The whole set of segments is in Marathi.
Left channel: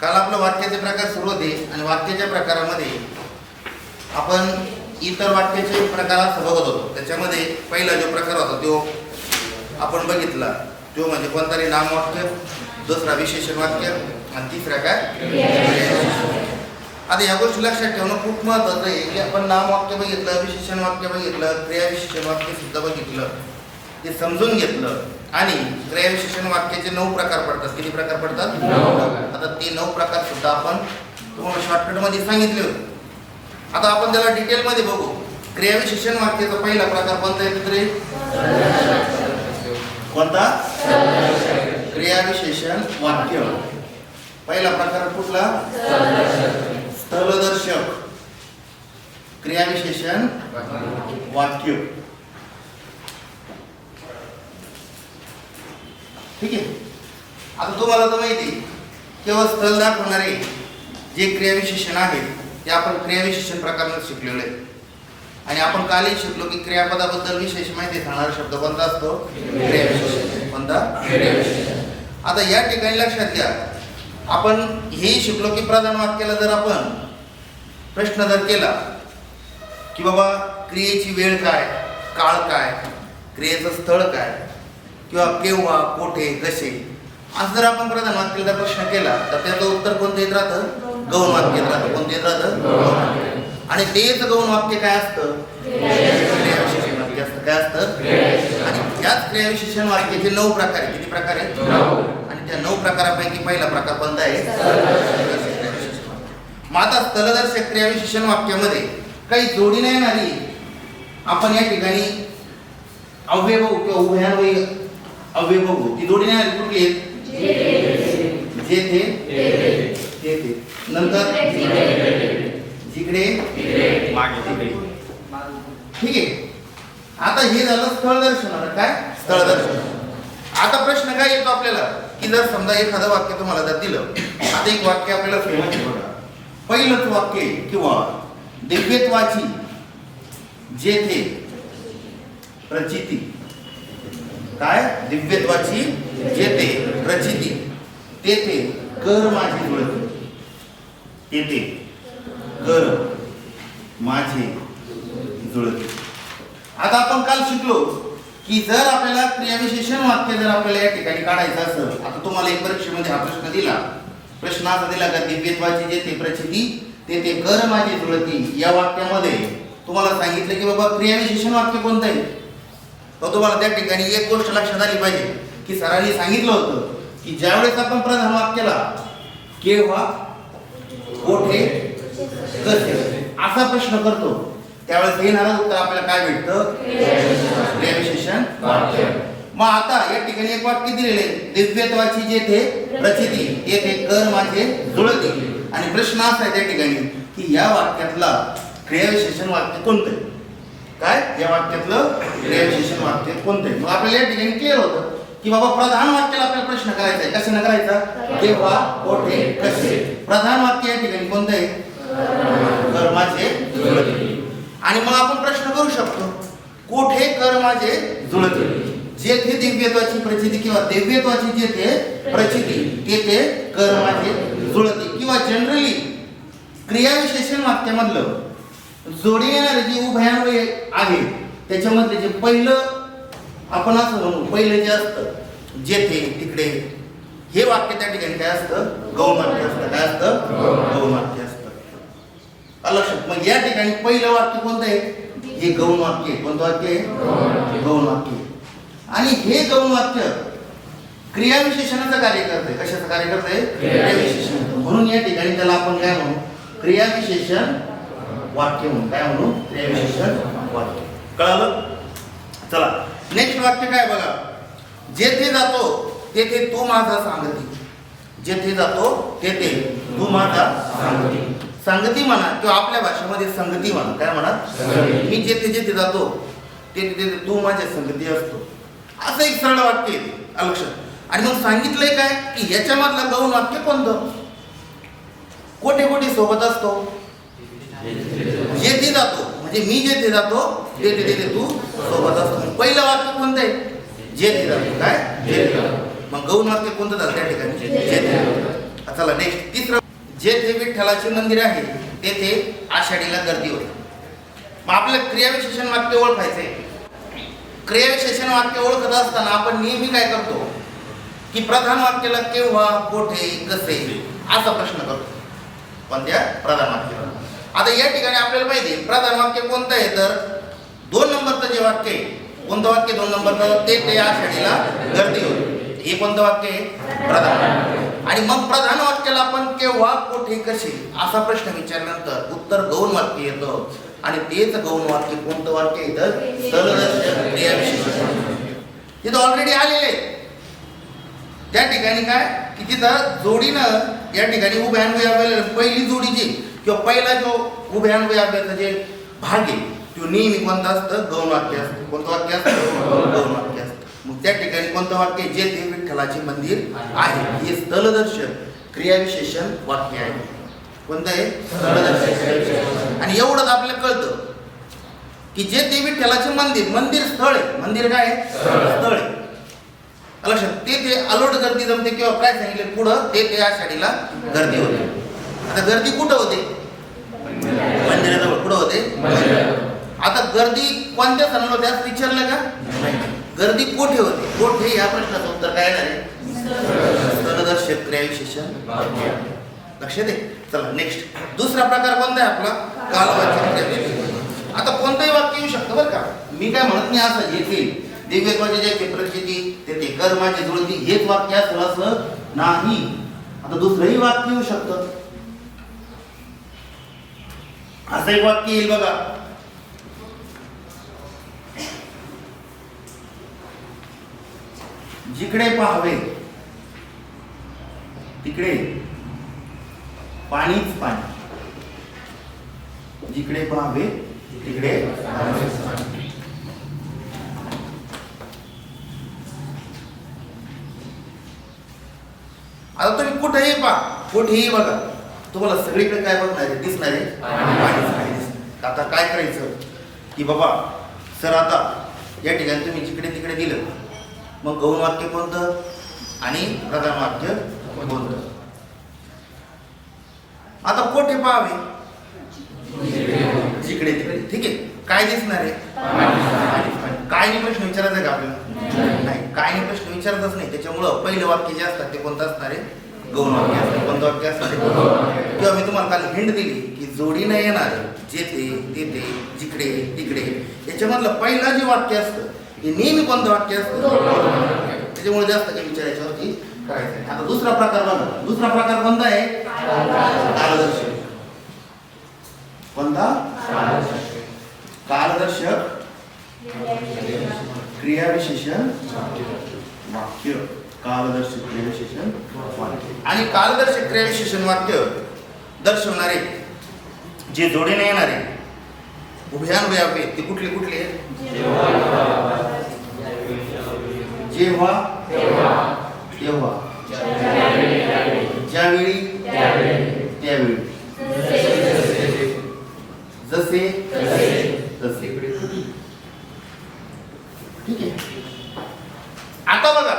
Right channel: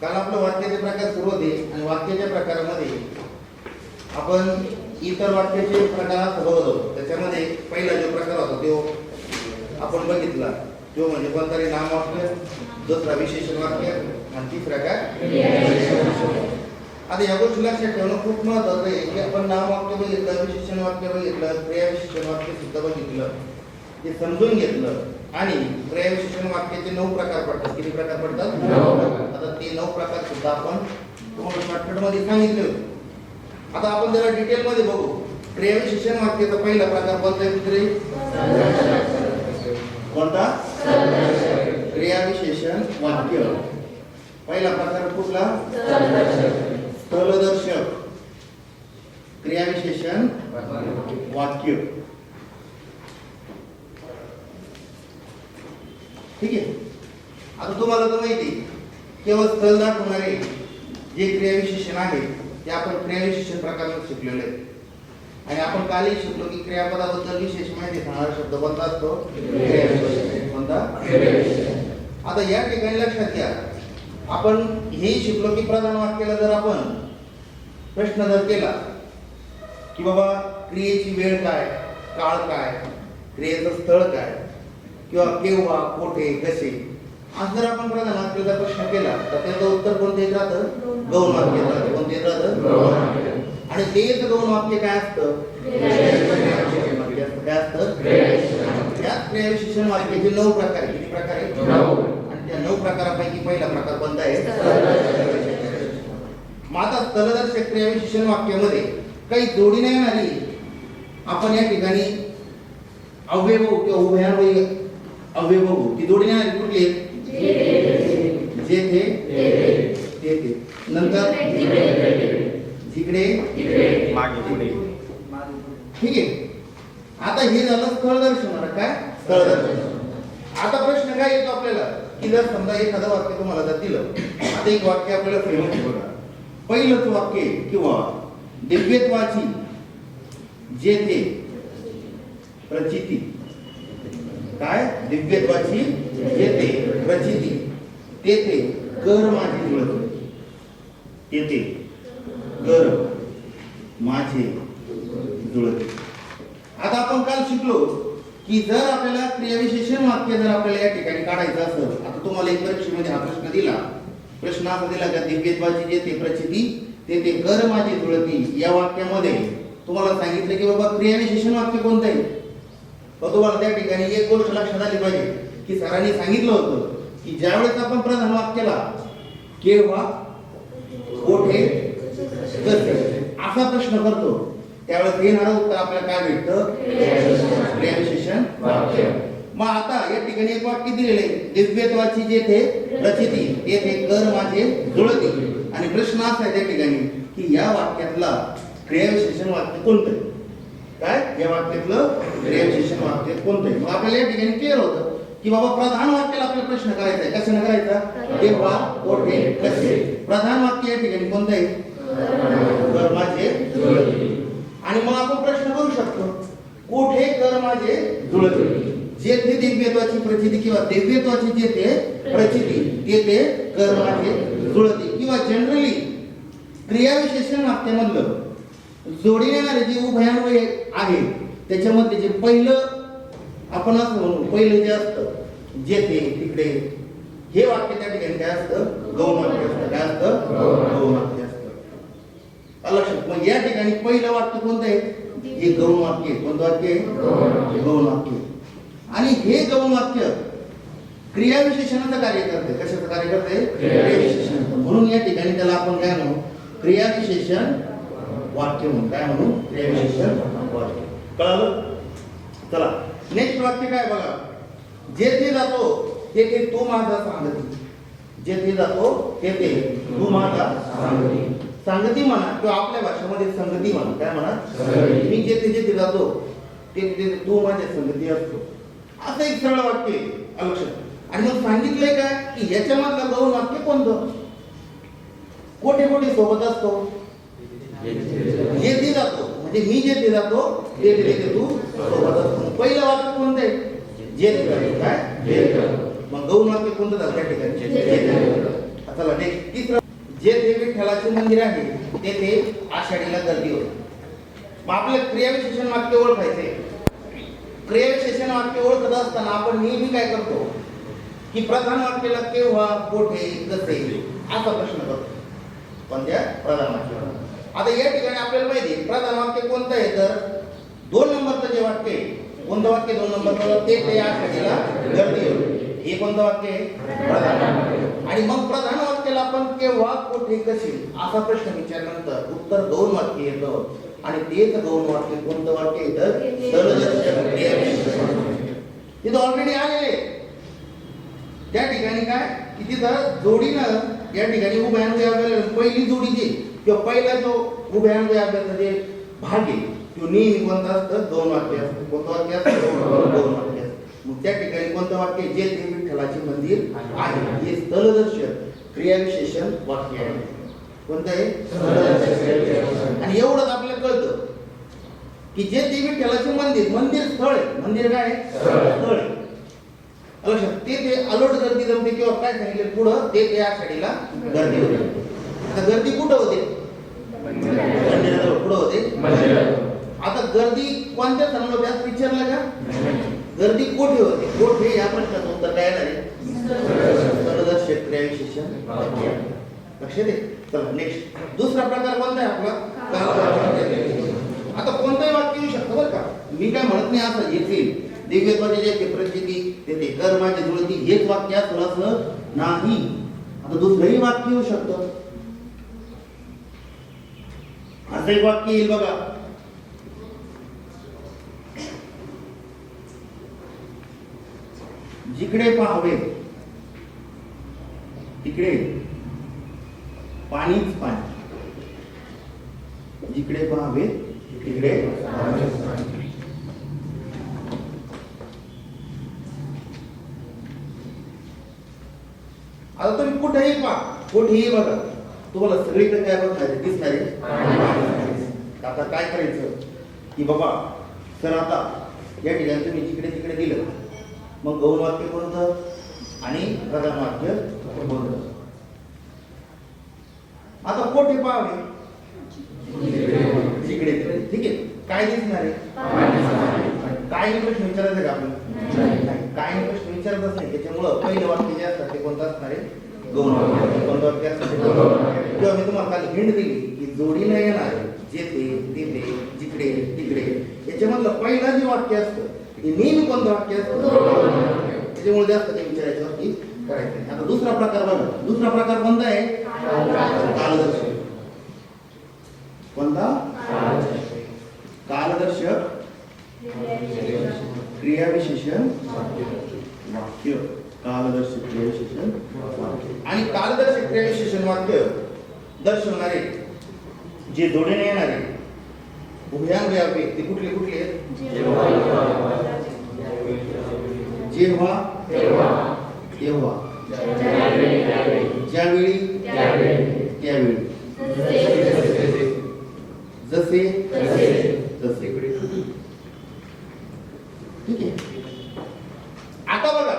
काल आपलं वाक्याचे प्रकार सुरू होते आणि वाक्याच्या प्रकारामध्ये आपण इतर वाक्याचे प्रकार असं बघत होतो. त्याच्यामध्ये पहिला जो प्रकार होता तो आपण बघितला. तो म्हणजे कोणता नामवाक्य दुसरा विशेषण वाक्य आणि तिसरा काय? आता या गोष्टी लक्षात ठेवणं खूप महत्वाचं आहे. की आपण नामवाक्य बघितलं विशेषण वाक्य बघितलं क्रियाविशेषण वाक्य सुद्धा बघितलं. ते समजून घेतलं. आणि क्रियाविशेषण वाक्याचे नऊ प्रकार पडतात. किती प्रकार पडतात. आता ते नऊ प्रकार सुद्धा आपण तुम्हाला शॉर्टकटमध्ये सांगितले होते. आता आपण त्याला डिटेल मध्ये बघू क्रियाविशेषण वाक्याचा पहिला प्रकार कोणता आहे मित्रे? कोणता? क्रियाविशेषण वाक्य. पहिला प्रकार कुठला? स्थलदर्शक. क्रियाविशेषण वाक्य. ठीक आहे? आता तुम्हाला तर माहिती केवळ स्थल दाखवणारे जे क्रियाविशेषण आहे ते आपण क्रियाविशेषण प्रकारात शिकलेलो आहे. आणि आपण कालही शिकलो की क्रियापदाबद्दल विशेष माहिती सांगणारा शब्द कोणता असतो? क्रियाविशेषण कोणता? क्रियाविशेषण आता या ठिकाणी लक्षात घ्या आपण हेही शिकलो की प्रधान वाक्याला जर आपण प्रश्न जर केला की बाबा क्रियेची वेळ काय काळ काय क्रियेचं स्थळ काय किंवा केव्हा कोठे कसे? असं जर आपण प्रधान प्रश्न केला तर त्याचं उत्तर कोणतं येत राहतं? गौण वाक्य येत राहतं कोणतं येत राहतं? आणि तेच गौण वाक्य काय असतं? क्रियाविशेषण वाक्य असतं. काय असतं? आणि त्याच क्रियाविशेषण वाक्याचे नऊ प्रकार आहे किती प्रकार आहेत? आणि त्या नऊ प्रकारापैकी पहिला प्रकार कोणता आहे? मग आता स्थलदर्शक क्रियाविशेषण वाक्यामध्ये काही जोडी नाही येणारी आपण या ठिकाणी अव्यय किंवा उभयान्वयी अव्यय बघू ती जोडी नाही कुठली आहेत जेथे तेथे नंतर? जिकडे ठीक आहे. आता हे झालं स्थळदर्शन आता काय? स्थळदर्शन आता प्रश्न काय येतो आपल्याला? की जर समजा एखादं वाक्य तुम्हाला जर दिलं आता एक वाक्य आपल्याला फेमस बघा. पहिलंच वाक्य किंवा दिव्यत्वाची जेथे प्रचिती. काय? दिव्यत्वाची जेथे प्रचिती तेथे कर माझी जुळत येते कर माझे जुळत आता आपण काल शिकलो की जर आपल्याला क्रियाविशेषण वाक्य जर आपल्याला या ठिकाणी काढायचं असं आता तुम्हाला एक परीक्षेमध्ये हा प्रश्न दिला. प्रश्न असा दिला का दिव्यत्वाची जेथे प्रचिती तेथे कर माझी जुळती या वाक्यामध्ये तुम्हाला सांगितलं की बाबा क्रियाविशेषण वाक्य कोणतं आहे? तर तुम्हाला त्या ठिकाणी एक गोष्ट लक्षात आली पाहिजे की सरांनी सांगितलं होतं की ज्यावेळेस आपण प्रधान वाक्याला केव्हा कोठे? कसे असा प्रश्न करतो. त्यावेळेस येणारं उत्तर आपल्याला काय भेटतं? क्रियाविशेषण वाक्य. मग आता या ठिकाणी एक वाक्य दिलेले दिव्यत्वाची जेथे प्रचिती येथे कर माझे जुळते. आणि प्रश्न असा आहे त्या ठिकाणी की या वाक्यातला क्रियाविशेषण वाक्य कोणतं आहे? काय? या वाक्यातलं क्रियाविशेषण वाक्य कोणतं आहे? मग आपल्याला या ठिकाणी क्लिअर होतं की बाबा प्रधान वाक्याला आपल्याला प्रश्न करायचा आहे. कशाने करायचा? केव्हा? कोठे? कसे? प्रधान वाक्य या ठिकाणी कोणतं आहे कर माझे जुळती. आणि मग आपण प्रश्न करू शकतो कोठे कर माझे जुळते? जेथे दिव्यत्वाची प्रचिती किंवा दिव्यत्वाची जेथे प्रचिती तेथे कर माझे जुळते. किंवा जनरली क्रियाविशेषण वाक्यामधलं जोडी येणारे जे उभयान्वय आहे त्याच्यामधले जे पहिलं आपण असं म्हणू पहिलं जे असतं जेथे तिकडे हे वाक्य त्या ठिकाणी काय असतं? वाक्य असतं. काय असतं? वाक्य असतं. लक्षात? मग या ठिकाणी पहिलं वाक्य कोणतं आहे? हे गौण वाक्य आहे. कोणतं वाक्य आहे? गौण वाक्य आहे. आणि हे गौण वाक्य क्रियाविशेषणाचं कार्य करतंय. कशाचं कार्य करतंय? क्रियाविशेषण म्हणून या ठिकाणी त्याला आपण काय म्हणू? क्रियाविशेषण वाक्य म्हणून. काय म्हणू? क्रियाविशेषण वाक्य. कळालं? चला. नेक्स्ट वाक्य काय बघा? जेथे जातो तेथे तू माझा सांगती. जेथे जातो तेथे तू माझा सांगती. संगती म्हणा किंवा आपल्या भाषेमध्ये संगती म्हणा. काय म्हणा. मी जेथे जेथे जातो तेथे तेथे तू माझ्या संगती असतो. असं एक सरळ वाक्य आहे. ते. आलं लक्षात? आणि मग सांगितलंय काय? की याच्यामधलं गौण वाक्य कोणतं? कोठे कोठे सोबत असतो? जेथे जातो म्हणजे मी जेथे जातो तेथे तेथे तू सोबत असतो. पहिलं वाक्य कोणतं आहे? जेथे जातो. काय? जातो. मग गौण वाक्य कोणतं झालं त्या ठिकाणी? चला नेक्स्ट तिसरं जेथे विठ्ठलाचे मंदिर आहे तेथे आषाढीला गर्दी होते. मग आपलं क्रियाविशेषण वाक्य ओळखायचंय. क्रियाविशेषण वाक्य ओळखत असताना आपण नेहमी काय करतो? की प्रधान वाक्याला केव्हा कोठे कसे असा प्रश्न करतो. कोणत्या? प्रधान वाक्याला आता या ठिकाणी आपल्याला माहिती आहे प्रधान वाक्य कोणतं आहे तर दोन नंबरचं जे वाक्य आहे कोणतं वाक्य दोन नंबरचं? ते ते आषाढीला गर्दी होते. हे कोणतं वाक्य आहे? प्रधान आणि मग प्रधान वाक्याला आपण केव्हा कोठे कसे? असा प्रश्न विचारल्यानंतर उत्तर गौण वाक्य येतं. आणि तेच गौण वाक्य कोणतं वाक्य येतं सरदर्शक क्रियाविशेषण तिथं ऑलरेडी आलेले त्या ठिकाणी काय? की तिथं जोडीनं या ठिकाणी उभ्या पहिली जोडी जी किंवा पहिला जो उभ्या अन्वय जे भाग आहे तो नेहमी कोणता असतं? गौण वाक्य असतं. कोणतं वाक्य असतं? गौण वाक्य असतं. मग त्या ठिकाणी कोणतं वाक्य जे ते विठ्ठलाचे मंदिर आहे. हे स्थलदर्शक क्रियाविशेषण वाक्य आहे. कोणतं आहे? स्थलदर्शक आणि एवढंच आपल्याला कळतं की जे ते विठ्ठलाचे मंदिर मंदिर स्थळ आहे. मंदिर काय स्थळ आहे. लक्षात ते ते अलोट गर्दी जमते किंवा काय सांगितले पुढं ते ते आषाढीला गर्दी होते. आता गर्दी कुठं होते? मंदिराजवळ कुठं होते? आता गर्दी कोणत्या सणाला होते? असं विचारलं का? गर्दी कोठे होते? कोठे? या प्रश्नाचं उत्तर काय येणार क्रियाविशेषण लक्षात आहे? चला नेक्स्ट दुसरा प्रकार कोणता आहे आपला? कालवाचक आता कोणतंही वाक्य येऊ शकतं बरं का? मी काय म्हणत नाही असं येतील. दिव्यत्वाचे जे प्रचिती ते ते कर्माची जुळती. हेच वाक्य असलं असं नाही. आता दुसरंही वाक्य येऊ शकतं. असं एक वाक्य येईल बघा जिकडे पाहावे तिकडे पाणीच पाणी. जिकडे पाहावे तिकडे आता तुम्ही कुठेही पहा कुठेही बघा तुम्हाला सगळीकडे काय बघणार आहे दिसणार आहे पाणीच पाणी दिसणार. आता काय करायचं की बाबा सर आता या ठिकाणी तुम्ही जिकडे तिकडे दिलं मग गौण वाक्य कोणतं? आणि प्रधान वाक्य कोणतं? आता कोठे पाहावे? जिकडे तिकडे. ठीक आहे. काय दिसणार आहे? काय प्रश्न विचारायचा आहे का आपल्याला? नाही. काय प्रश्न विचारतच नाही. त्याच्यामुळं पहिलं वाक्य जे असतात ते कोणतं असणार आहे? गौण वाक्य असतात कोणतं वाक्य असणार किंवा मी तुम्हाला काल हिंड दिली की जोडीनं येणार जेथे तेथे जिकडे तिकडे. याच्यामधलं पहिलं जे वाक्य असतं हे नेहमी कोणतं वाक्य असतं? त्याच्यामुळे जास्त काही विचारायच्या होती करायचं नाही. आता दुसरा प्रकार बघा. दुसरा प्रकार कोणता आहे? कालदर्शक कोणता? कालदर्शक क्रियाविशेषण वाक्य. कालदर्शक क्रियाविशेषण वाक्य. आणि कालदर्शक क्रियाविशेषण वाक्य दर्शवणारे जे जोडीने येणारे उभयान्वय आहेत ते कुठले कुठले? जेव्हा. तेव्हा. ज्यावेळी. त्यावेळी. जसे. तसे. ठीक आहे. आता बघा.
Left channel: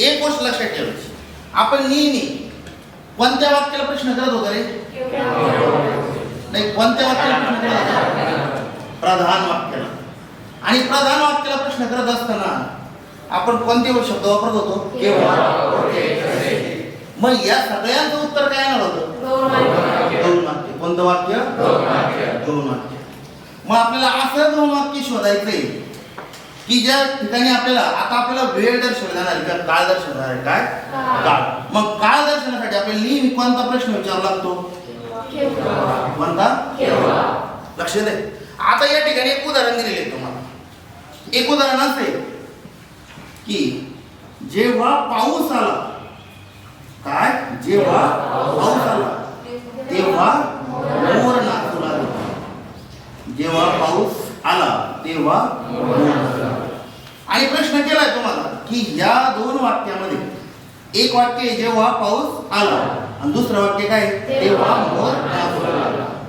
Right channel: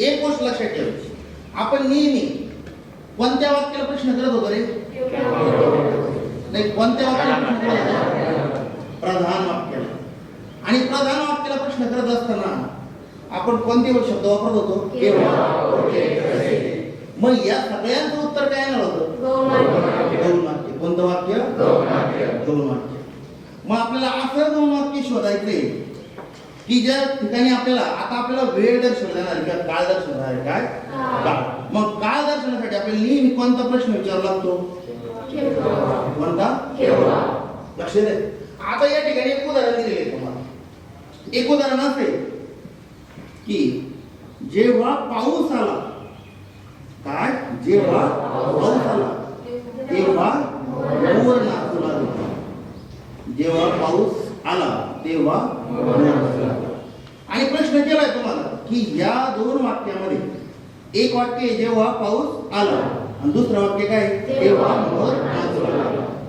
एक गोष्ट लक्षात ठेवायची. आपण नेहमी कोणत्या वाक्याला प्रश्न करत होतो रे? नाही कोणत्या वाक्याला प्रश्न करत होतो? प्रधान वाक्याला. आणि प्रधान वाक्याला प्रश्न करत असताना आपण कोणते शब्द वापरत होतो? केव्हा मग या सगळ्यांचं उत्तर काय येणार होतं? दोन वाक्य कोणतं वाक्य? दोन वाक्य मग आपल्याला असं दोन वाक्य शोधायचंय की ज्या ठिकाणी आपल्याला आता आपल्याला वेळ दर्शवणार आहे किंवा काळ दर्शवणार आहे काय? काळ. मग काळ दर्शनासाठी आपल्याला नेहमी कोणता प्रश्न विचारावा लागतो? कोणता? लक्ष दे. आता या ठिकाणी एक उदाहरण दिलेलं आहे तुम्हाला. एक उदाहरण असे की जेव्हा पाऊस आला काय? जेव्हा पाऊस आला तेव्हा मोर नाचू लागला. जेव्हा पाऊस आला तेव्हा मोर आणि प्रश्न केलाय तुम्हाला की या दोन वाक्यामध्ये एक वाक्य आहे, जेव्हा पाऊस आला आणि दुसरं वाक्य काय तेव्हा मोर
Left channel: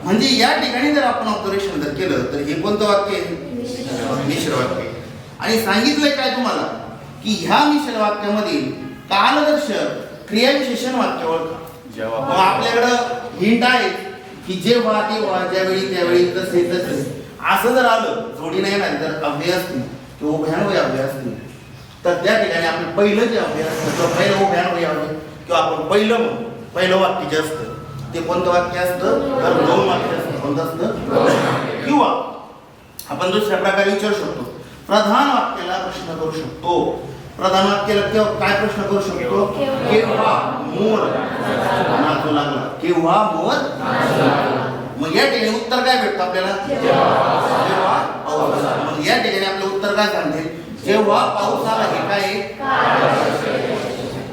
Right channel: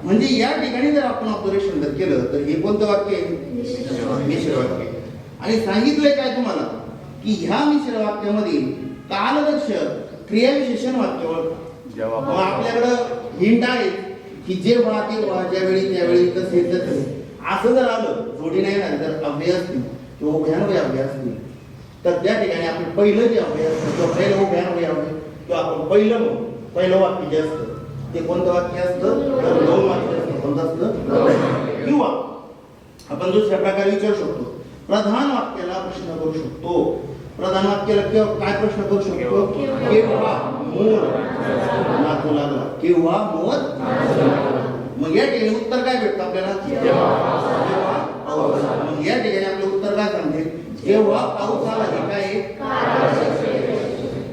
म्हणजे या ठिकाणी जर आपण ऑब्झर्वेशन जर केलं तर हे कोणतं वाक्य आहे? मिश्र वाक्य. आणि सांगितलंय काय तुम्हाला? की ह्या मिश्र वाक्यामधील कालदर्शक क्रियाविशेषण वाक्य ओळखा. आपल्याकडं हिंट आहे की जेव्हा तेव्हा ज्यावेळी त्यावेळी तसे तसे. असं जर आलं जोडी नाही ना जर अव्यय असतील किंवा उभ्यान्वय असतील तर त्या ठिकाणी आपलं पहिलं जे असतं किंवा पहिलं उभ्यान्वय अव्यय किंवा आपण पहिलं पहिलं वाक्य जे असतं ते कोणतं वाक्य असतं? तर दोन वाक्य असतं. कोणतं असतं? किंवा आपण दुसऱ्या प्रकारे विचारू शकतो. प्रधान वाक्याला प्रश्न करू शकतो. प्रधान वाक्याला केव्हा काय प्रश्न करू शकतो? केव्हा? मोर. नाचू लागला. केव्हा? मोर? मग या ठिकाणी उत्तर काय भेटतं आपल्याला? जेव्हा पाऊस आला. मग या ठिकाणी आपलं उत्तर काय सांगते? जेव्हा पाऊस आला हे काय आहे?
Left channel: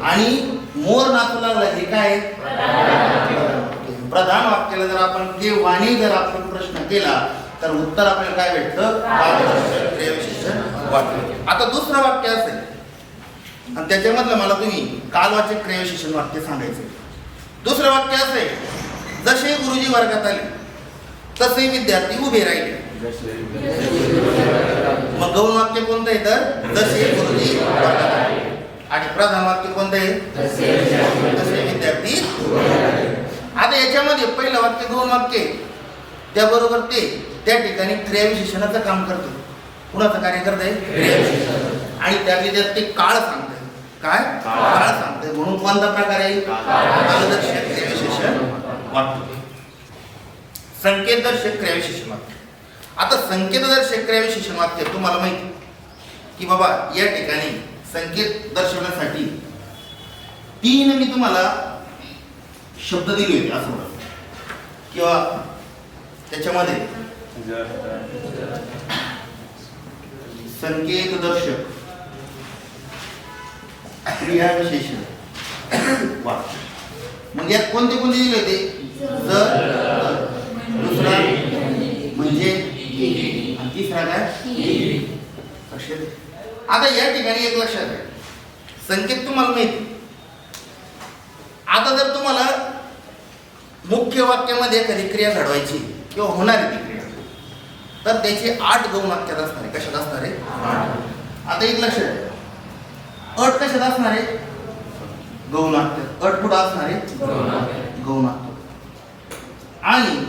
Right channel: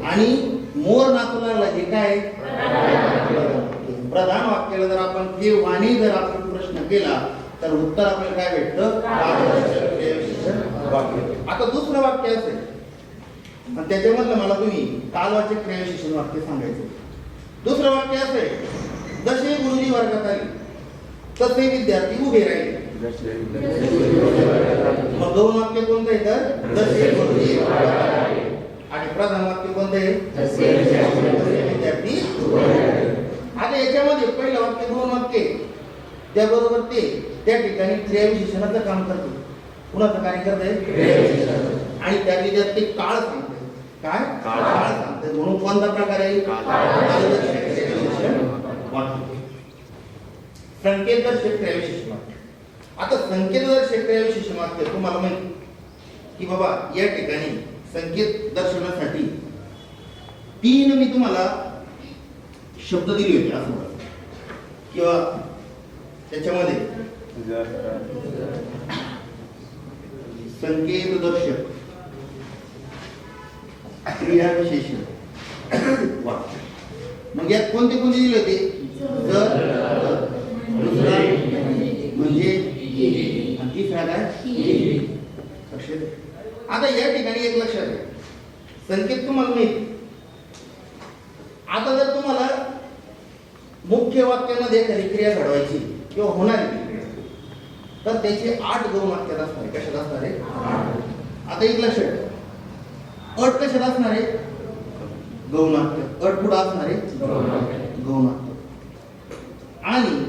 आणि मोर नाचू लागला हे काय आहे? प्रधान वाक्याला जर आपण केव्हानी जर आपण प्रश्न केला तर उत्तर आपल्याला काय भेटतं? वाक्य आता दुसरं वाक्य असेल. आणि त्याच्यामधलं मला तुम्ही कालवाचक क्रियाविशेषण वाक्य सांगायचं. दुसरं वाक्य असेल जसे गुरुजी वर्गात आले तसे विद्यार्थी उभे राहिले. मग गौण वाक्य कोणतं आहे तर? जसे गुरुजी वर्गात आले. आणि प्रधान वाक्य कोणतं आहे? तसे विद्यार्थी आता याच्यामध्ये पहिलं वाक्य दोन वाक्य. त्याबरोबर ते त्या ठिकाणी क्रियाविशेषणाचं काम करतो. कुणाचं कार्य करत आहे क्रियाविशेषण आणि त्यातले त्यात ते काळ सांगते काय? काळ. काळ सांगते म्हणून कोणता प्रकार आहे? कालदर्शक क्रियाविशेषण वाक्य. संकेतदर्शक क्रियाविशेषण वाक्य. आता संकेतदर्शक क्रियाविशेषण वाक्य तुम्हाला माहिती की बाबा या ठिकाणी संकेत दर्शवण्यासाठी तीन मी तुम्हाला शब्द दिले होते असं म्हणत किंवा त्याच्यामध्ये संकेत दर्शक क्रिया विशेषण वाक्य. मग यात कोणते कोणते दिले होते? जर दुसरा म्हणजे तिसरा काय? लक्षात आता या ठिकाणी एक लक्षात आहे संकेत तुम्हाला माहिती. आता जर तुम्हाला मुख्य वाक्यामध्ये एखादी क्रिया घडवायची किंवा होणारी ती क्रिया. तर त्याचे आठ गौण वाक्यात असणार आहे कशात असणार? आहे आता एक लक्षात आहे. अट कशात असणार? आहे गौण वाक्यात. अट कुठं असणार? आहे गौण वाक्य आणि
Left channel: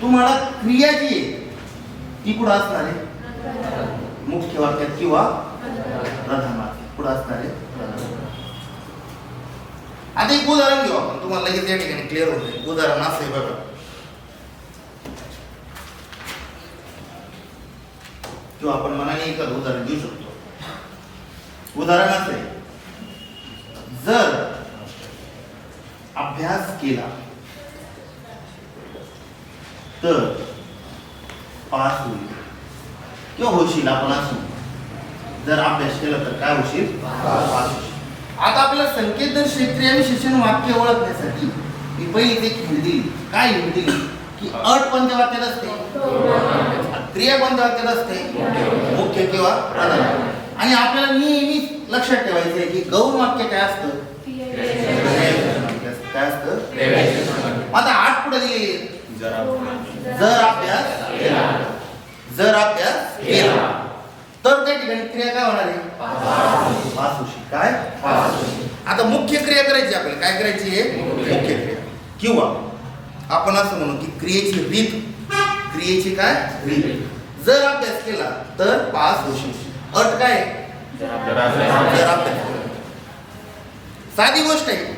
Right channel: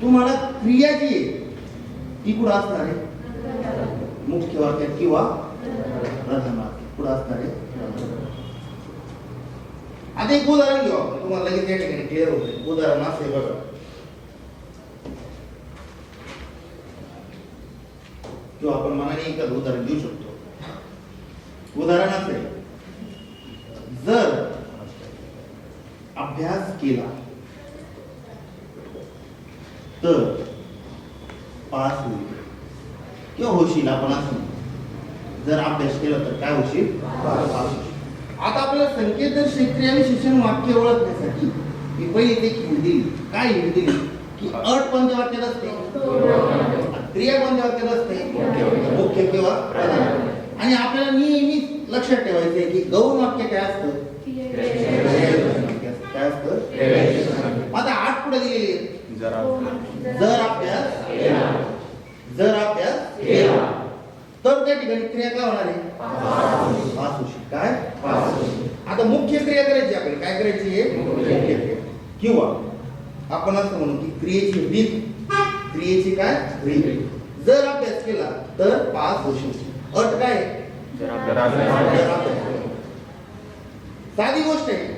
तुम्हाला क्रिया जी आहे ती कुठं असणार? आहे मुख्य वाक्यात किंवा प्रधान वाक्यात. कुठं असणार? आहे. आता एक उदाहरण घेऊ आपण. तुम्हाला लगेच या ठिकाणी क्लिअर होते उदाहरण असं आहे बघा. किंवा आपण मनाने एखादं उदाहरण देऊ शकतो. उदाहरण असं आहे. जर अभ्यास केला तर पास होईल. किंवा होशील आपण असू जर अभ्यास केला तर काय होशील? पास. होशील आता आपल्याला संकेत दर क्रिया विशेषण वाक्य ओळखण्यासाठी मी पहिली एक दिली काय हिंट दिली की अट कोणत्या वाक्यात असते? क्रिया कोणत्या वाक्यात असते? मुख्य किंवा प्रधान. आणि आपल्याला नेहमी लक्षात ठेवायचं आहे की गौण वाक्य काय असतं. काय असतं? आता आठ पुढे आहे. जर अभ्यास जर अभ्यास केला तर त्या ठिकाणी क्रिया काय होणार आहे? काय? मुख्य क्रिया करायची आपल्याला. काय करायची? आहे मुख्य क्रिया. किंवा आपण असं म्हणू की क्रियेची रीत. क्रियेची काय? रीत. जर अभ्यास केला तर पास होशील अट काय. साधी गोष्ट आहे.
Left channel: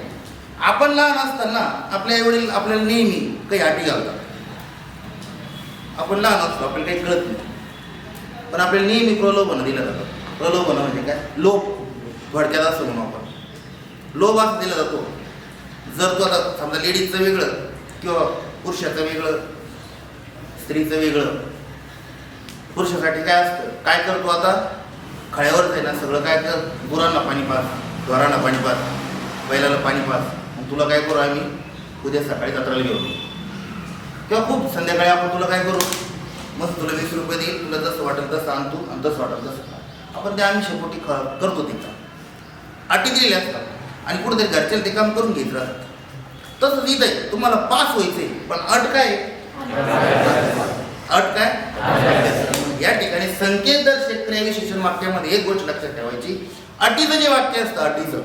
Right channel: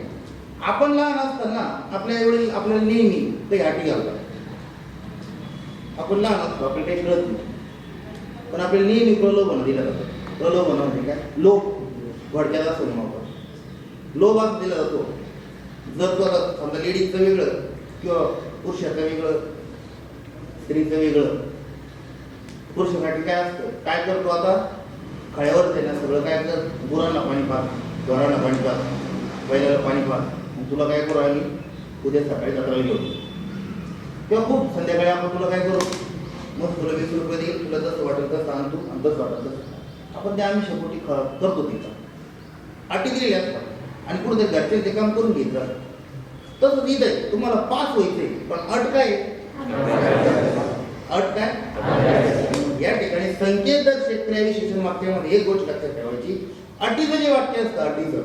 आपण लहान असताना आपल्या वडील आपल्याला नेहमी काही अटी घालतात. आपण लहान असतो आपल्याला काही कळत नाही. पण आपल्याला नेहमी प्रलोभन दिलं जातं. प्रलोभन म्हणजे काय? लोभ थोडक्यात असं म्हणू आपण. लो मार्क्स दिला जातो. जर तो आता समजा लेडीजचं वेगळं किंवा पुरुषाचं वेगळं स्त्रीचं वेगळं पुरुषासाठी काय असतं? काय करतो आता? खळ्यावरच आहे ना सगळं काय कर गुरांना पाणी पास ढोरांना पाणी पास बैलाला पाणी पास मग तुला काय करू आम्ही? उद्या सकाळी जत्राला घेऊ किंवा खूप संध्याकाळी आपण तुला काय करू? मस्त तुला वीस रुपये देईल तुला जसं वाटेल तसं आणतो आणि तसं वाटेल तसं आपण ते आम्ही शेपोटी ख करतो तिथं. अटी दिलेल्या असतात. आणि कुठेतरी घरचे ते काम करून घेत राहतात. तसंच इथं आहे. तुम्हाला पास व्हायचंय पण अट काय अट काय? या ठिकाणी संकेत दर्शक क्रियाविशेषण वाक्यामध्ये एक गोष्ट लक्षात ठेवायची. अटीचं जे वाक्य असतं अटीचं.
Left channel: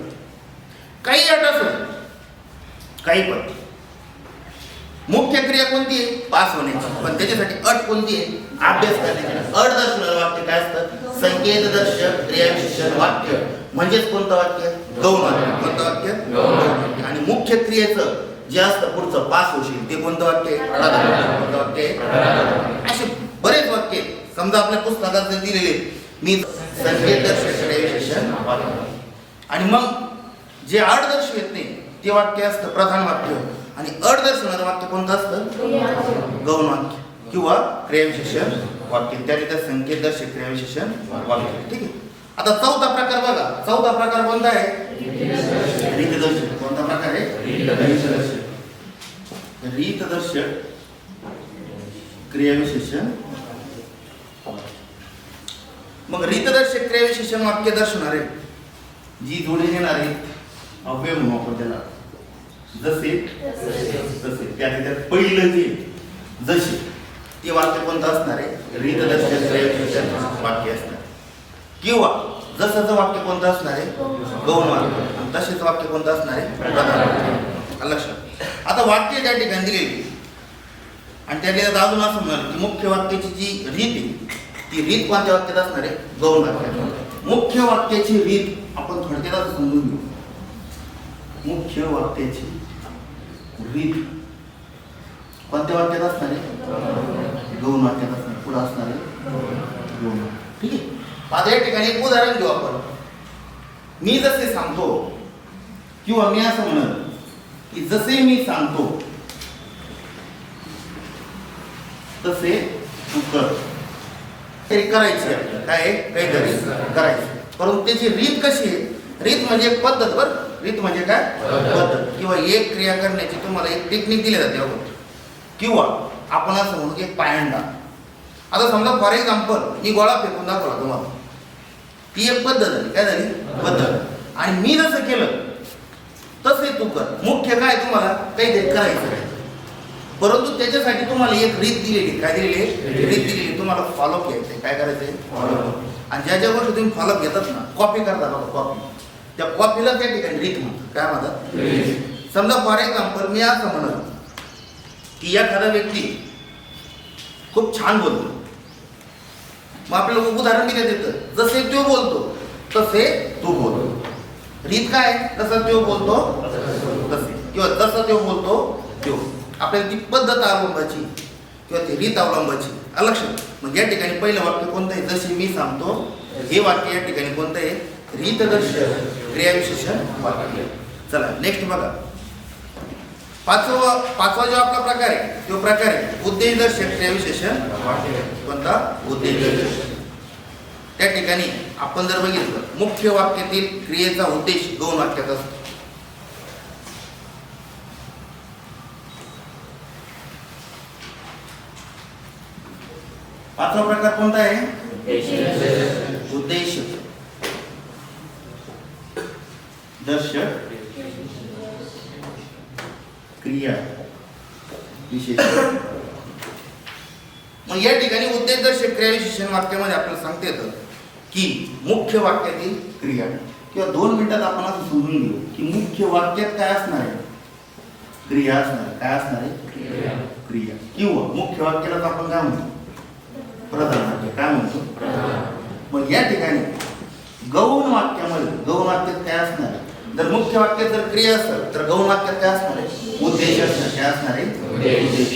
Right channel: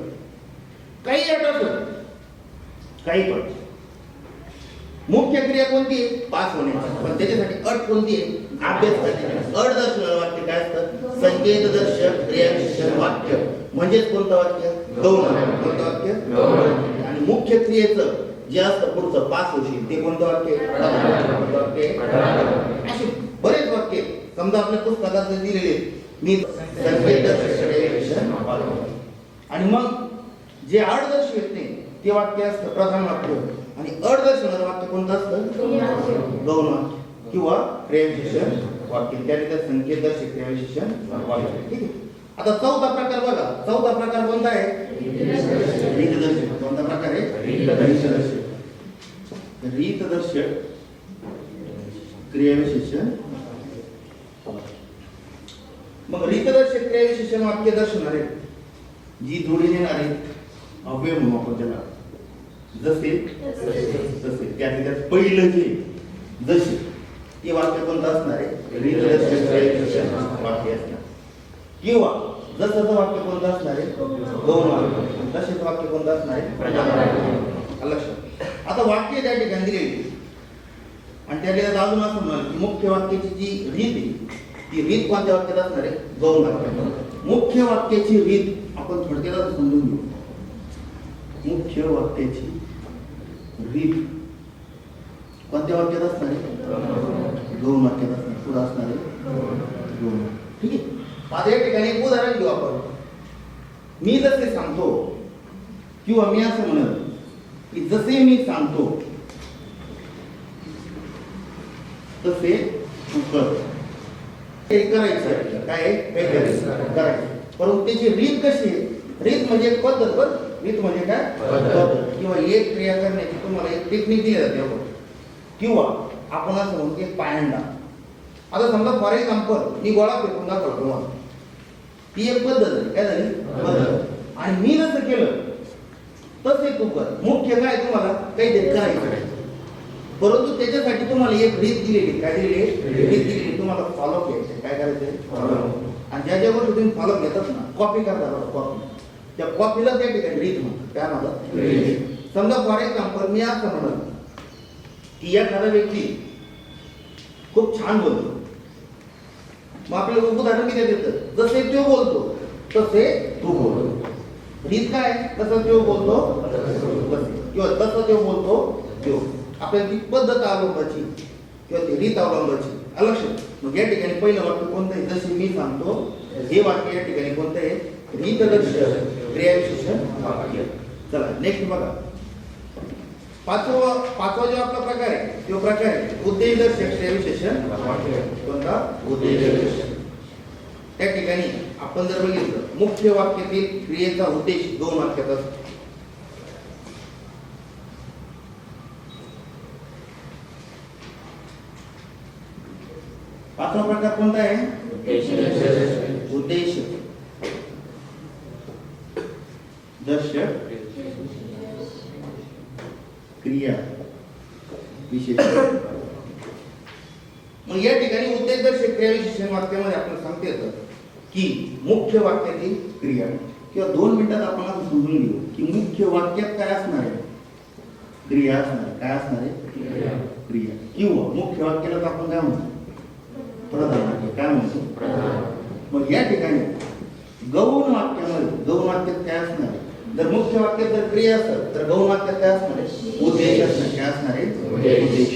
काही अट असत काही पण. मुख्य क्रिया कोणती आहे? पास होण्याची. पण त्याच्यासाठी अट कोणती आहे? अभ्यास करण्याची. अट दर्शनाचं वाक्य काय असतं? संकेत दर्शक क्रियाविशेषण वाक्य. म्हणजेच कोणतं वाक्य? गौण वाक्य. कोणतं वाक्य? आणि मुख्य क्रियेचं जे असतं पुढचं पास होशील ते कोणतं वाक्य आहे? कोणतं वाक्य आहे? असे बरेच वाक्य समजा आपल्या पुस्तकात जर दिलेले मी संकेत दर्शक क्रियाविशेषण आणि मग जे अट दर्शवित नाही ते वाक्य असतं प्रधान वाक्य. आणि अट दर्शवणारं वाक्य कोणतं असतं? गौण वाक्य किंवा क्रियाविशेषण वाक्य. त्या ठिकाणी संकेत दर्शक क्रियाविशेषण वाक्य. ठीक आहे? आता चौथा प्रकार बघा. चौथा प्रकार कोणता आहे? रीतदर्शक कोणता प्रकार आहे? रीतदर्शक रीतदर्शक क्रियाविशेषण मग रीतदर्शक क्रियाविशेषण वाक्य दर्शवणारे. जी जोडी देणार. आहे अव्यय म्हणू आपण त्याला जसे तसे त्या त्याच्यात पहिलं जे जसे ते वाक्य कोणतं असणार आहे? वाक्य असणार. किंवा जसंच वाक्य कोणतं असणार आहे? गौण तसेच वाक्य कोणतं असणार आहे? लक्षात आता वाक्य त्या ठिकाणी दिलेली आणि त्या ठिकाणी अजून असं म्हणाल की मुख्य वाक्याची जी रीत आहे ती रीत कोणत्या वाक्यात असणार आहे? गौण वाक्यात मुख्य वाक्याची रीत आपण थोडक्यात समजून घेऊ. मुख्य वाक्याची रीत कोणत्या वाक्यात असणार? आहे गौण वाक्यात असणार. पुढे असणार? आहे ठीक आहे? आता या ठिकाणी एक उदाहरण घेऊ आपण. मी जसे सांगतो किंवा मी असं म्हणत की जसे मी सांगतो तसे तू कर. ते करायचं आहे. काय आहे? काहीतरी करायचं परंतु त्याची रीत कशी आहे? रीत म्हणजे एक पद्धत बरं रीत म्हणजे काय? पद्धत किंवा एक क्रिया करण्याची तुम्हाला एक टेक्निक दिली जाते अगोदर किंवा आपण असं म्हणू की एक पायंडा. आता समजा फॉर एक्झाम्पल मी गोळा फेकून दाखवला तुम्हाला. ती एक पद्धत झाली काय झाली? पद्धत आणि मी जसं केलं तसे तू कर. मुख्य काय तुम्हाला? काहीतरी करायचं आहे परंतु त्याच्यासाठी तुम्हाला एक रीत दिलेली काय दिलेली? रीत दिलेली तुम्हाला फॉलो घ्यायचं काय करायचंय फॉलो आणि ज्या ज्या गोष्टी तुम्ही फॉलो घेतात ना कॉपी करता बघा कॉपी त्या कॉपीला त्या ठिकाणी रीत म्हणतात काय म्हणतात? समजा फॉर एक्झाम्पल मी असं म्हणत की एखादा व्यक्ती खूप छान बोलतो. मग आपल्याला उदाहरण दिलं येतं जसे तो बोलतो तसे तू बोल. रीत काय? कसं तो बोलतो तसे. किंवा जसं तो बोलतो तो. आपल्याला ती पद्धत अवलंबाची किंवा ती रीत अवलंबाची आलं लक्षात? मग या ठिकाणी पहिलं वाक्य कोणतं आहे? जसे मी सांगतो हे वाक्य या ठिकाणी कोणतं आहे? रीतदर्शक क्रियाविशेषण वाक्य चला नेक्स्ट बघा. पाचवा पाचवा जो आपला प्रकार आहे तो प्रकार आहे उद्देशदर्शक क्रियाविशेषण. कोणता? उद्देशदर्शक त्या ठिकाणी आपण जर बघितलं मुख्य वाक्यातील क्रियेचा उद्देश दोन वाक्यात असतो. पाचवा प्रकार कोणता आहे उद्देश दर्शक क्रिया विशेष मग या ठिकाणी उद्देशदर्शक क्रिया विशेषण वाक्यामध्ये आपल्याला सांगता येतं की मुख्य वाक्यातील क्रिया. किंवा दोन मिनिटात आपण असं समजून घेऊ की मुख्य वाक्यात काय असणार आहे? क्रिया असणार. काय असणार आहे? क्रिया. किंवा मुख्य वाक्यालाच आपण काय म्हणतो? प्रधान वाक्य. काय म्हणतो? मग या ठिकाणी गौण वाक्यामध्ये गौण वाक्यात काय असणार आहे? जर मुख्य वाक्यात जर क्रिया असेल तर गौण वाक्यात काय असणार आहे? उद्देश असणार. काय असणार आहे? उद्देश.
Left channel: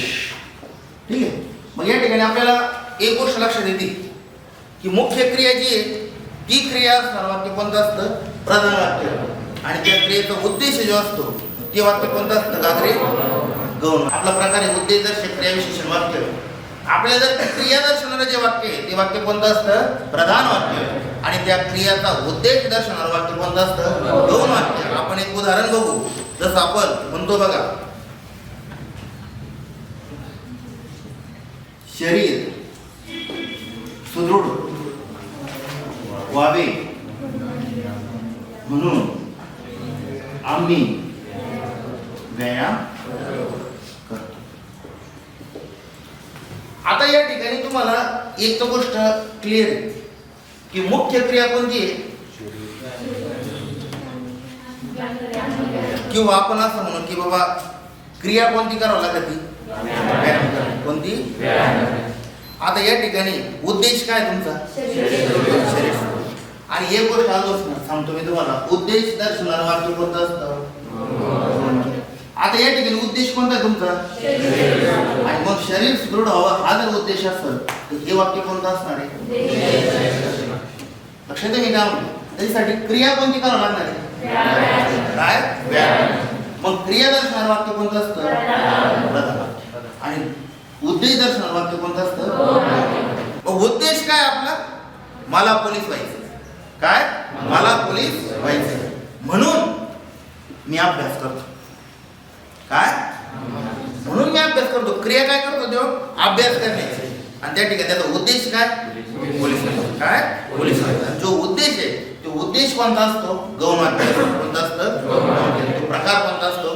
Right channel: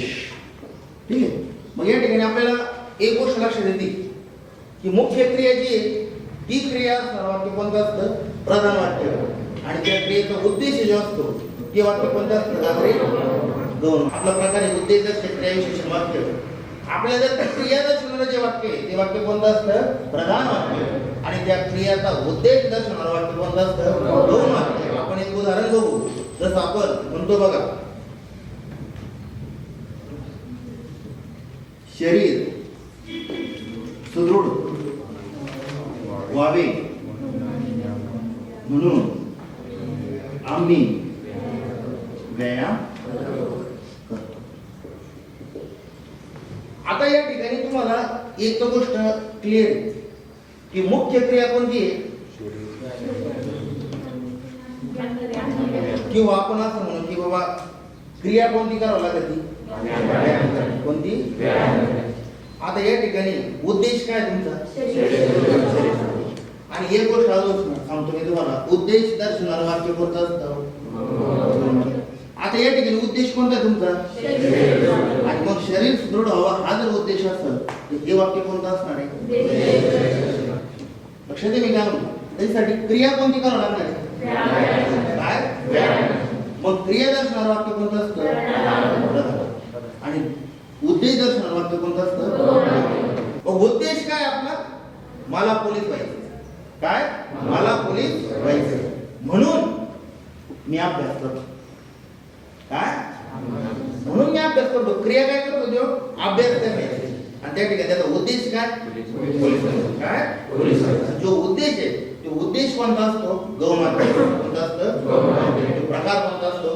ठीक आहे. मग या ठिकाणी आपल्याला एक गोष्ट लक्षात येते की मुख्य क्रिया जी आहे ती क्रिया असणार वाक्य कोणतं असतं? प्रधान वाक्य. आणि त्या क्रियेचा उद्देश जो असतो ते वाक्य कोणतं असतं? गागरे गौण. आपला प्रकार आहे उद्देशदर्शक क्रिया विशेषण वाक्य. आपल्याला जर क्रिया दर्शवणारं जे वाक्य आहे ते वाक्य कोणतं असतं? प्रधान वाक्य आणि त्या क्रियाचा उद्देश दर्शवणारं वाक्य कोणतं असतं? दोन वाक्य. आपण एक उदाहरण बघू. जसं आपण म्हणतो बघा शरीर सुदृढ व्हावे म्हणून आम्ही व्यायाम करतो आता या ठिकाणी तुम्हाला एक तर गोष्ट क्लिअर आहे की मुख्य क्रिया कोणती आहे? किंवा आपण असं म्हणू की बाबा क्रिया कोणती करावं लागते? कोणती? आता या ठिकाणी उद्देश काय तुमचा? आणि एक गोष्ट सांगतो मी तुम्हाला उद्देश दर्शवणारं वाक्य कोणतं असतं? आता या ठिकाणी उद्देश कोणता तुमचा? आणि मग शरीर सुदृढ व्हावं हा जर उद्देश असेल तर हे वाक्य कोणतं असणार आहे? लक्षात मी काय त्याच्यासाठी क्रिया कोणती करावं लागणार आहे? काय? व्यायाम. मग क्रिया दर्शनार वाक्य कोणतं असतं? आणि उद्देश दर्शनार वाक्य कोणतं असतं? उद्देश काय आपला? मला पोलीस व्हायचं काय? मला पोलीस व्हायचे म्हणून मी अभ्यास करतो काय म्हणून मी अभ्यास करतो क्रिया काय करतो देव अभ्यास करण्याची आणि त्या ठिकाणी त्याचा उद्देश काय? पोलीस. काय? पोलीस. जो उद्देश आहे तो उद्देश कोणता असतो? गौण अभ्यास कोणता असतं? प्रकार कोणता असतो.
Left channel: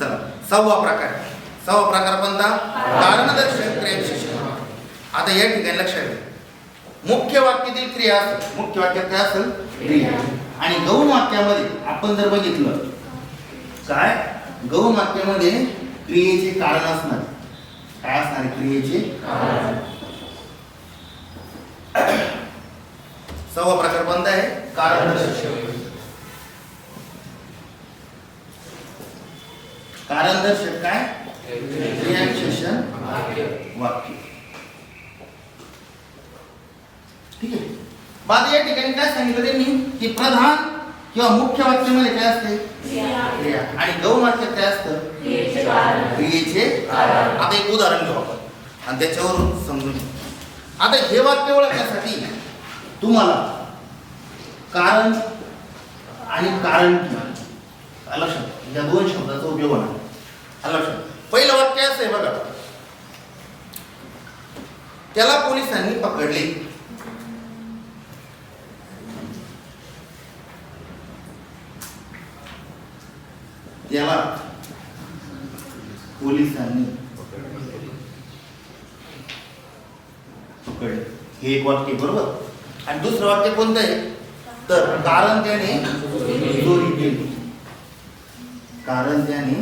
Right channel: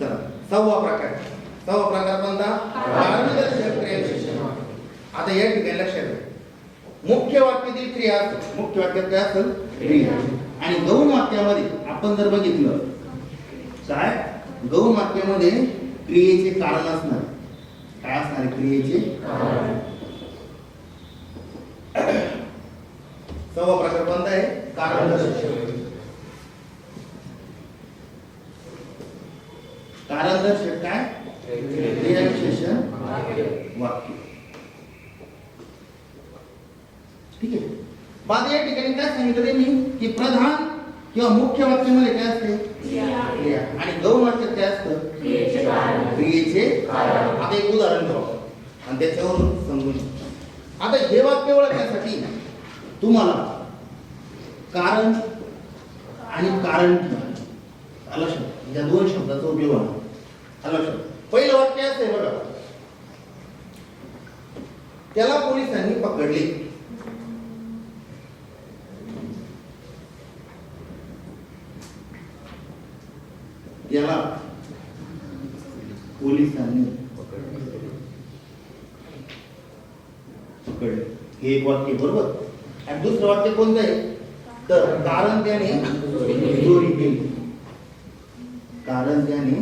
चला सहावा प्रकार. सहावा प्रकार कोणता? कारणदर्शक क्रियाविशेष आता या ठिकाणी लक्षात घ्या मुख्य वाक्यातील क्रिया असेल. मुख्य वाक्यात काय असेल? क्रिया. आणि गौण वाक्यामध्ये आपण जर बघितलं काय? गौण वाक्यामध्ये क्रियेचे कारण असणार. काय असणार क्रियेचे? सहावा प्रकार बंद आहे. कारण कारण दर्शक काय? क्रियाविशेषण वाक्य. ठीक आहे. बाद या ठिकाणी काय सांगितलं त्यांनी? की प्रधान किंवा मुख्य वाक्यामध्ये काय असते? एक उदाहरण घेऊ आपण. आणि त्याच्यावर समजून घेऊ. आता हे वाक्य ओळखण्यासाठी तुम्हाला कारण आणि कारण आलं लक्षात या दोन शब्दाचा उपयोग होणार. लक्षात पहिलं वाक्य असं आहे बघा. त्याला पोलिसांनी पकडले. त्याला पोलिसांनी पकडले हे एक वाक्य बरोबर? आणि दुसरं वाक्य कोणतं आहे? तर कारण त्याने चोरी केली. कारण त्याने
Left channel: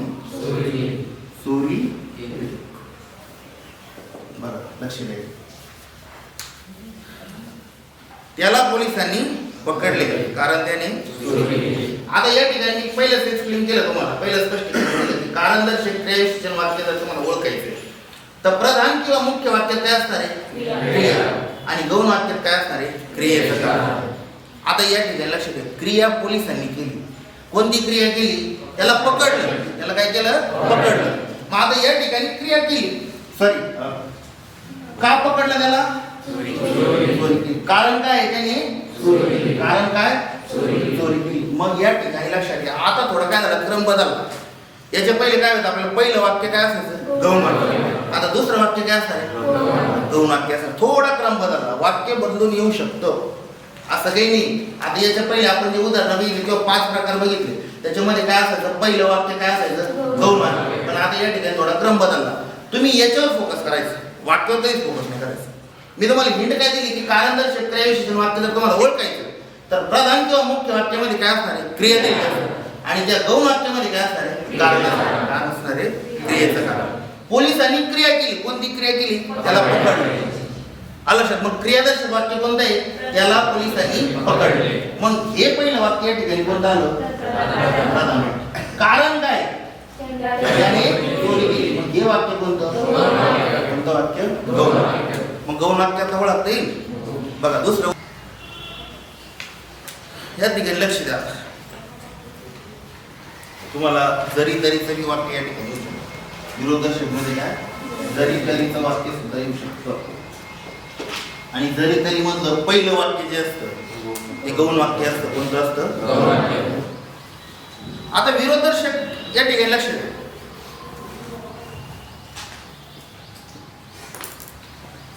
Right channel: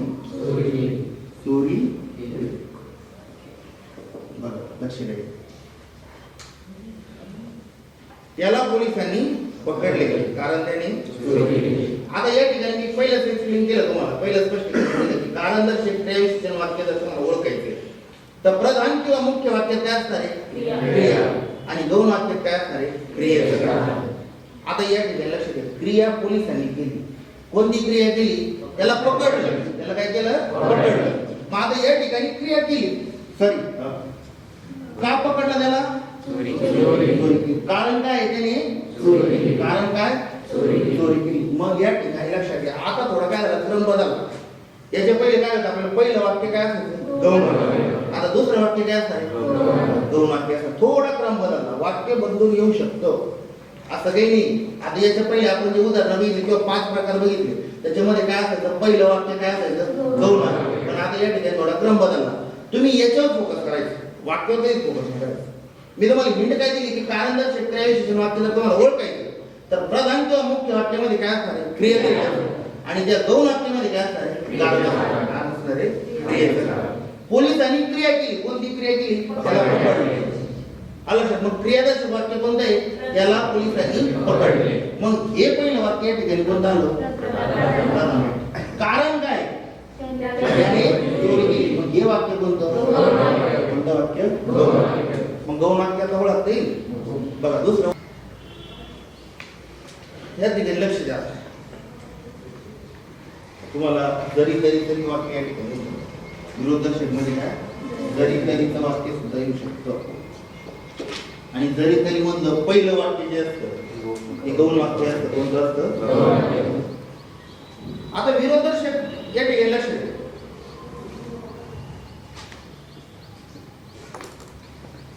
चोरी बघा लक्ष द्या. त्याला पोलिसांनी पकडले कारण त्याने आता या ठिकाणी पहिलंच एक्सप्लेन केलं तुम्हाला. पहिलं स्पष्टीकरण कारण दर्शक क्रियाविशेषण वाक्य जर तुम्हाला ओळखायचे तर प्रधान किंवा मुख्य वाक्य काय असणार आहे? आणि गौण वाक्यात काय असणार आहे? क्रियेचं कारण आता या ठिकाणी लक्ष द्या. क्रिया पोलिसांनी केली. कोणती क्रिया केली? त्याला पकडलं. त्याला काय केलं? पकडलं. मग आता या ठिकाणी क्रिया केली. सॉरी का पकडलं त्याला. कारण काय त्याने. कारण काय? चोरी केली. मग या ठिकाणी लक्षात घ्या. आता थोडा काय झाला? क्रम बदलला. याच्या पहिले काय होतं? आपल्याला पहिलं वाक्य काय असायचं? गौण वाक्य आता दुसरं वाक्य काय असणार दोन वाक्य असणार थोडा क्रम बदलला वाक्य बदलून येऊ शकतं. असं काही नाही. आता याच्या पहिले आपण जे उदाहरण बघितले किंवा पाच प्रकार बघितले त्याच्यामध्ये काय असायचं? पहिलं वाक्य काय असायचं? गौण वाक्य पण आता या ठिकाणी थोडा क्रम बदलला. तुम्ही याच्यावर फोकस करायचं. वाक्यावरही फोकस नाही करायचं. मी तुम्हाला हिंट काय दिली की कारण जर शेतकऱ्याविषयी वाक्य जर तुम्हाला ओळखायचं तर प्रधान किंवा मुख्य वाक्यामध्ये काय असणार आहे? क्रियेचं आणि त्या गौण वाक्यामध्ये काय असणार आहे. कारण असणार आहे. क्रियेचं कारण. पोलिसांनी क्रिया केली. कोणती क्रिया केली? त्याला पकडले. आलं मग क्रियादर्शक वाक्य कोणतं आहे? त्याला पोलिसांनी पकडले. मग हे पहिलं वाक्य या ठिकाणी कोणतं आलं? कारण काय? त्याने चोरी केली. मग हे वाक्य कोणतं? कोणतं वाक्य? गौण मग गौण वाक्यात ओळखता येईल. बघा दुसरं या ठिकाणी लक्ष द्या. तुम्हाला जरी तरी तरी वाक्य या ठिकाणी विरोधदर्शकमध्ये काय? जरी तरीचं वाक्य सुद्धा येऊ शकतं. आणि जरी तरी मधलं पहिलं वाक्य जे असतं ते गौण वाक्य असतं. कोणतं असतं? आता विरोधदर्शक या ठिकाणी लक्ष द्या.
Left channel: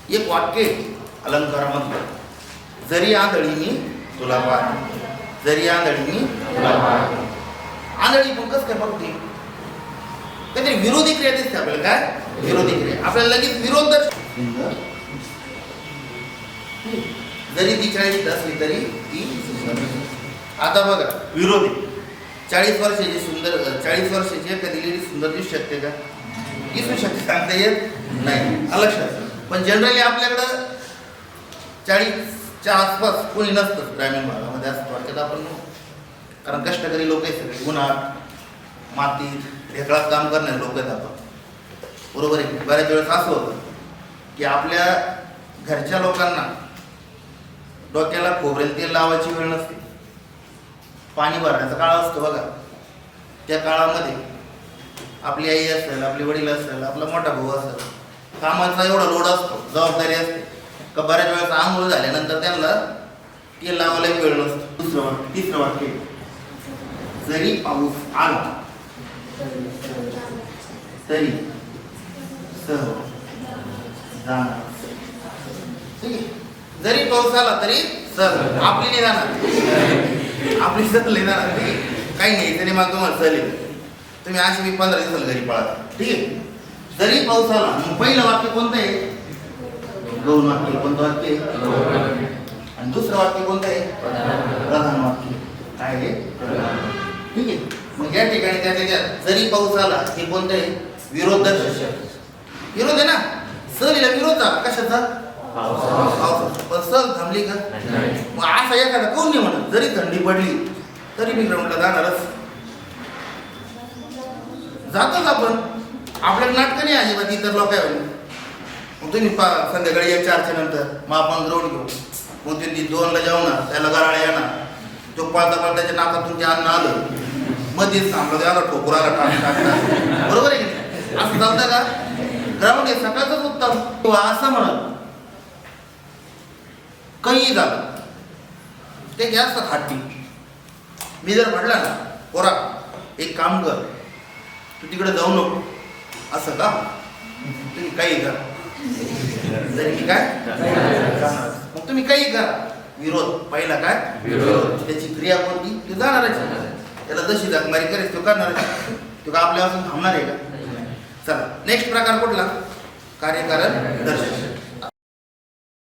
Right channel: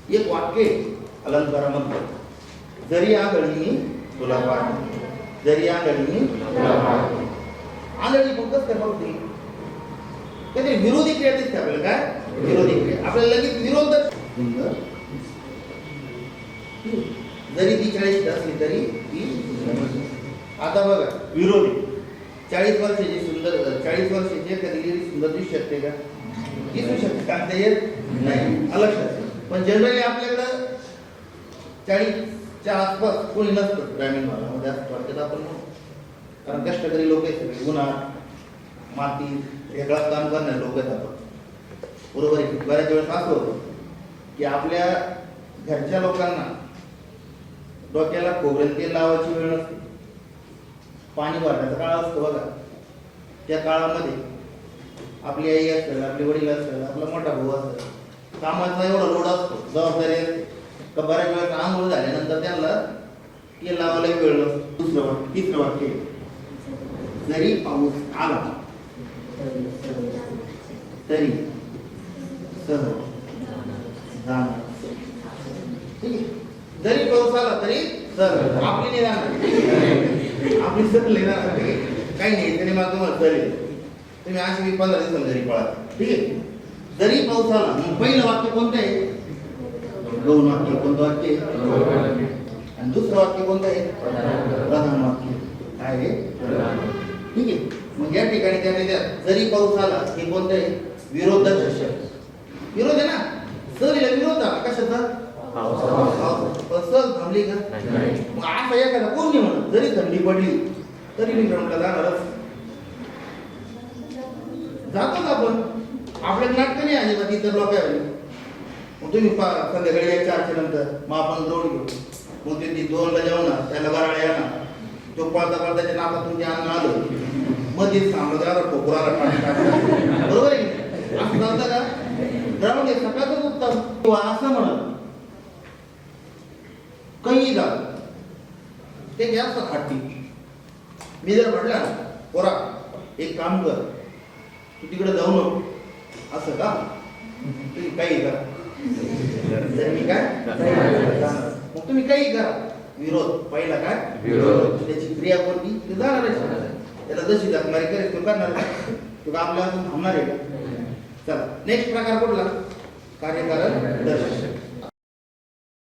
एक वाक्य आहे अलंकारामधलं जरी आंधळीनी तुला पाहते. जरी आंधळीनी आंधळी कसं काय बघते काहीतरी विरोधी क्रिया दिसते आपल्याला काय? विरोधी क्रिया. आपल्याला लगेच विरोध जरी ती चाळीस असली तरी ती सुंदर. आता बघा विरोधी. चाळीस वर्षाची सुंदर चाळीस वर्षाची एखादी लेडी सुंदर दिसू शकते का? दिसू शकते सांगता येत नाही. लक्षात पण जनरली आपल्याकडं चाळीसच्या आसपास कोणी नसतं ग्रामीण भागामध्ये असं वाटतं. आपण कारण कष्टकरी लोक आहेत सगळे. उन्हात मातीत ढेकळात काम करणारे लोक आहेत आपण. बरोबर आहे बऱ्याच वेळेस असं होतं की आपल्या घरच्या लोकांना डोक्याला खोबरेल तेल लावायची वेळ नसते. पाणी भरण्याचा काळ असतो बघा. त्या काळामध्ये आपली आई असेल आपले वडील असेल आपला मोठा भाऊ असेल कामाचा एवढा लोड असतो जबाबदारी असते. का बऱ्याच वेळेस आंघोळ झाल्यानंतर त्यांना तेल लावायला वेळ नसतो. दुसरं वाक्य तिसरं वाटते जरी पाऊस आला तरी सह जाणार. ठीक आहे? जरी पाऊस आला तरी सर आपली नाही जाणार. आपली सर नाही जाणार. ठीक आहे. काही नाही. तरी मला तुम्हाला चालेल तुम्ही अशी मी पंधरा दिवसाला घरी पळा. ठीक आहे. जरी पाऊस आला मग पहिलं वाक्य कोणतं आहे? दोन वाक्य. कोणतं वाक्य? आहे? आणि दुसरं वाक्य कोणतं आहे? प्रधान वाक्य. काय आहे? ठीक आहे. मग या ठिकाणी त्या त्याच्यात जरी पाऊस आला हे कोणतं आहे विरोध दर्शक विरोध आहे ना? सहलीला विरोध झाला. कशाचा. पण सहल थांबली का? मग असा एखादा कोण नाही म्हणत. जरी थंडी पडली तरी मी ग्राउंडला जाणारच. जातोच आपण. आपल्याला नाटकं नाही अजिबात इतर लोक आहे मग तुम्ही पा संध्याकाळी या चारच्या नंतर मग आपण ग्राउंड घेऊ. मग ते ती दोनला जेवणार त्याला गराळा येणार. तो पाळता पाळताच्या नाकातून ते अन्न आलं मध्येच थांबलं त्याला ठोकराला टाक. बरोबर आहे? असं चालतं का? ग्राउंड आहे सकाळचंच उत्तम. किंवा असं म्हणत काही झालं ते जास्त हट्टी मी जर म्हटलं ना पोरा एक काम कर. तू तिकडे जाऊ नको. असं का? तुम्ही काही करा जरी काय? जाणार. मग तुम्ही काही करा विरोध. पहिला काय? विरोध. त्याची क्रिया कोणती? ती जाणारच त्याला जशी जगमारी करेल तो करणार तो का आपल्यापासून थांबणार आहे का? चला नेक्स्ट प्रकार कुठला? कार्यकारण दर्शक